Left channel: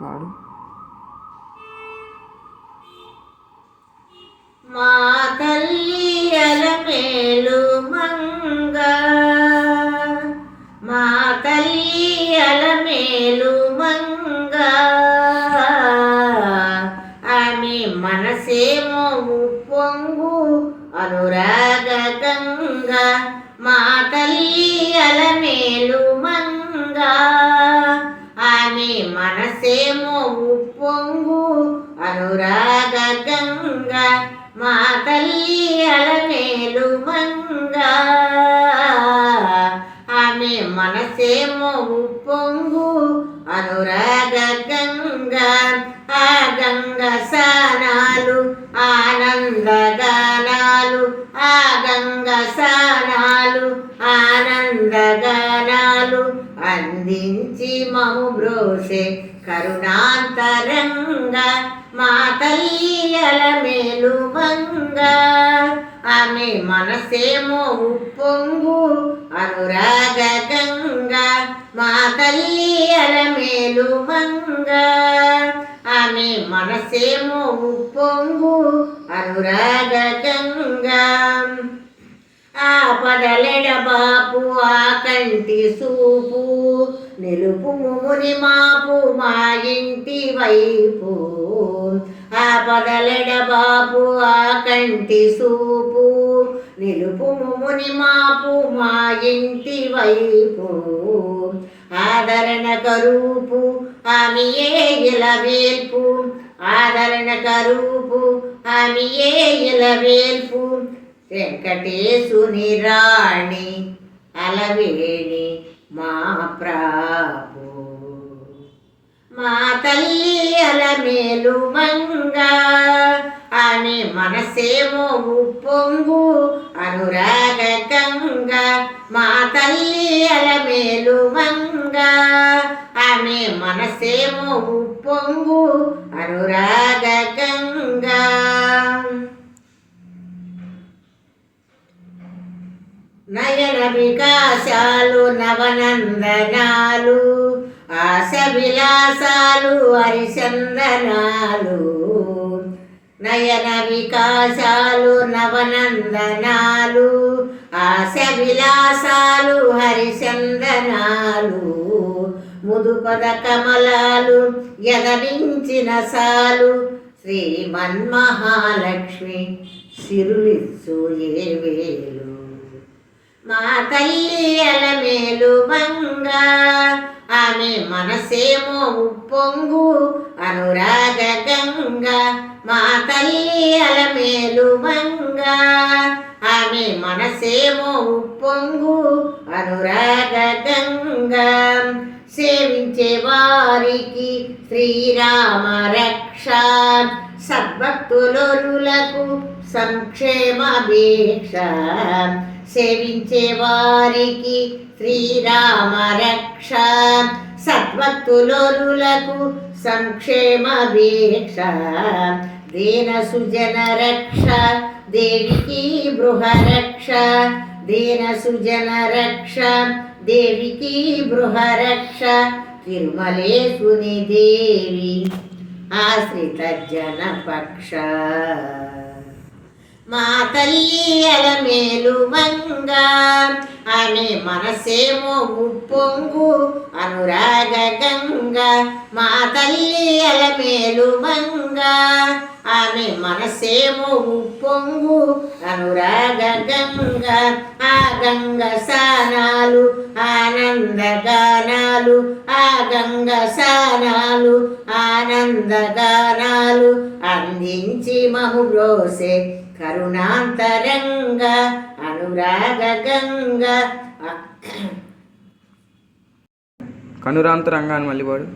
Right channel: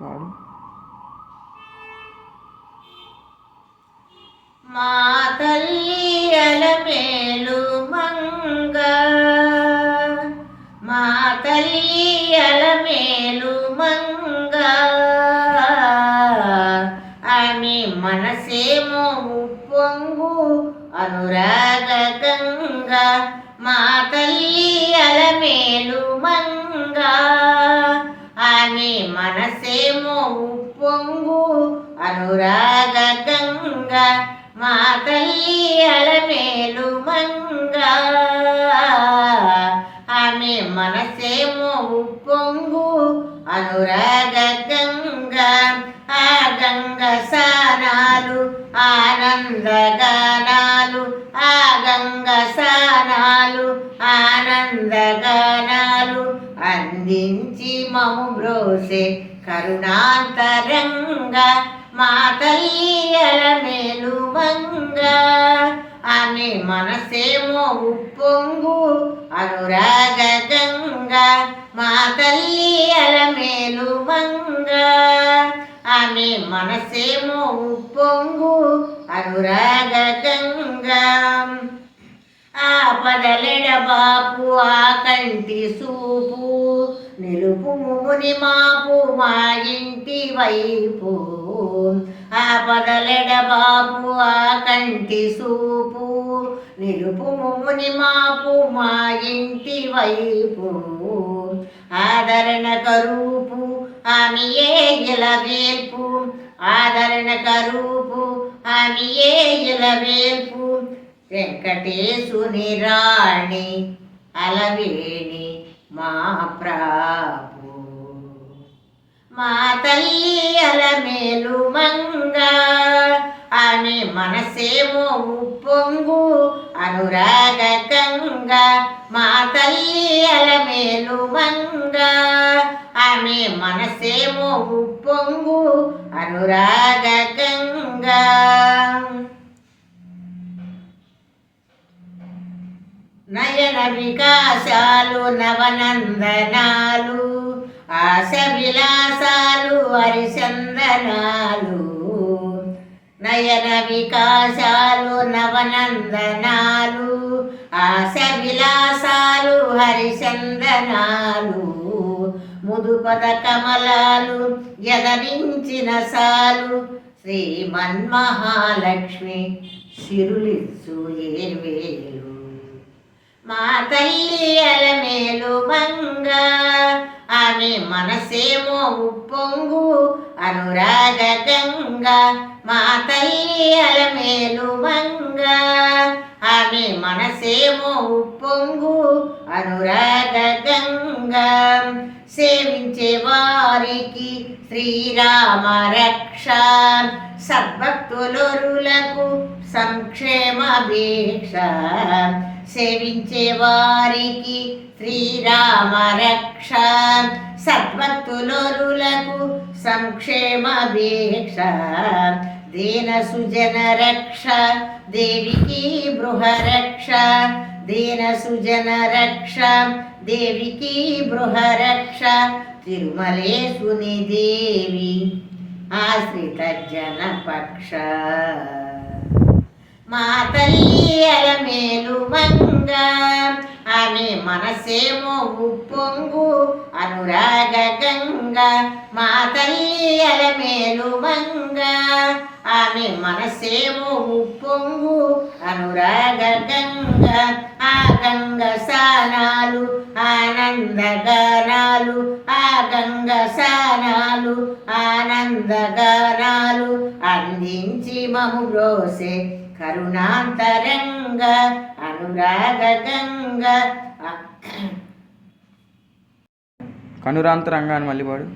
పాడు. మా తల్లి అలమేలు మంగ, మా తల్లి అలమేలు మంగ, ఆమె మనసేమో ఉప్పొంగు అనురాగ గంగ. మా తల్లి అలమేలు మంగ, ఆమె మనసేమో ఉప్పొంగు అనురాగ గంగ. మా తల్లి అలమేలు మంగ, ఆమె మనసేమో ఉప్పొంగు అనురాగ గంగ. ఆ గంగ స్నానాలు ఆనందగానాలు, ఆ గంగ స్నానాలు ఆనందగానాలు అందించి మము బ్రోసే కరుణాంతరంగ. మా తల్లి అలమేలు మంగ, ఆమె మనసేమో ఉప్పొంగు అనురాగ గంగ. మా తల్లి అలమేలు మంగ, ఆమె మనసేమో ఉప్పొంగు అనురాగ గంగ. ఆపదలెడబాపు ఆ కంటి సూపు, నిలుపు ముని మాపు మా ఇంటి వైపు. ఆపదలెడబాపు ఆ కంటి సూపు, నిలుపు ముని మాపు మా ఇంటి వైపు. ఆదరణ కరూపు ఆమెయే ఇలవేల్పు, ఆదరణ కరూపు ఆమెయే ఇలవేల్పు. వెంకటేశుని రాణి అలవేణి మా ప్రాపు. మా తల్లి అలమేలు మంగ, ఆమె మనసేమో ఉప్పొంగు అనురాగ గంగ. మా తల్లి అలమేలు మంగ, ఆమె మనసేమో ఉప్పొంగు అనురాగ గంగ. నయన వికాసాలు నవనందనాలు, ఆశ విలాసాలు హరిచందనాలు. నయన వికాసాలు నవనందనాలు, ఆశ విలాసాలు హరిచందనాలు. ముదుపద కమలాలు ఎదరించిన సాలు, శ్రీమన్మహాలక్ష్మి సిరులిచ్చు ఏవేలు. మా తల్లి అలమేలు మంగ, ఆమె మనసేమో ఉప్పొంగు అనురాగ గంగ. మా తల్లి అలమేలు మంగ, ఆమె మనసేమో ఉప్పొంగు అనురాగ గంగ. సేవించే వారికి శ్రీరామ రక్ష, సద్భక్తులకు సంక్షేమ భీక్ష. సేవించే వారికి శ్రీరామ రక్ష, సద్భక్తులకు సంక్షేమ భీక్ష. దీన సుజన రక్ష దేవికి బృహరక్ష, దీన సుజన రక్ష దేవికి బృహరక్ష. తిరుమలేశుని దేవి ఆశ్రిత జన పక్ష. మా తల్లి అలమేలు మంగ, ఆమె మనసేమో ఉప్పొంగు అనురాగ గంగ. మా తల్లి అలమేలు మంగ, ఆమె మనసేమో ఉప్పొంగు అనురాగ గంగ. ఆ గంగ స్నానాలు ఆనందగానాలు, ఆ గంగ స్నానాలు ఆనందగానాలు అందించి మము బ్రోసే కరుణాంతరంగ అనురాగ గంగ. కనురాంతరంగా అని మళ్ళీ పాడు.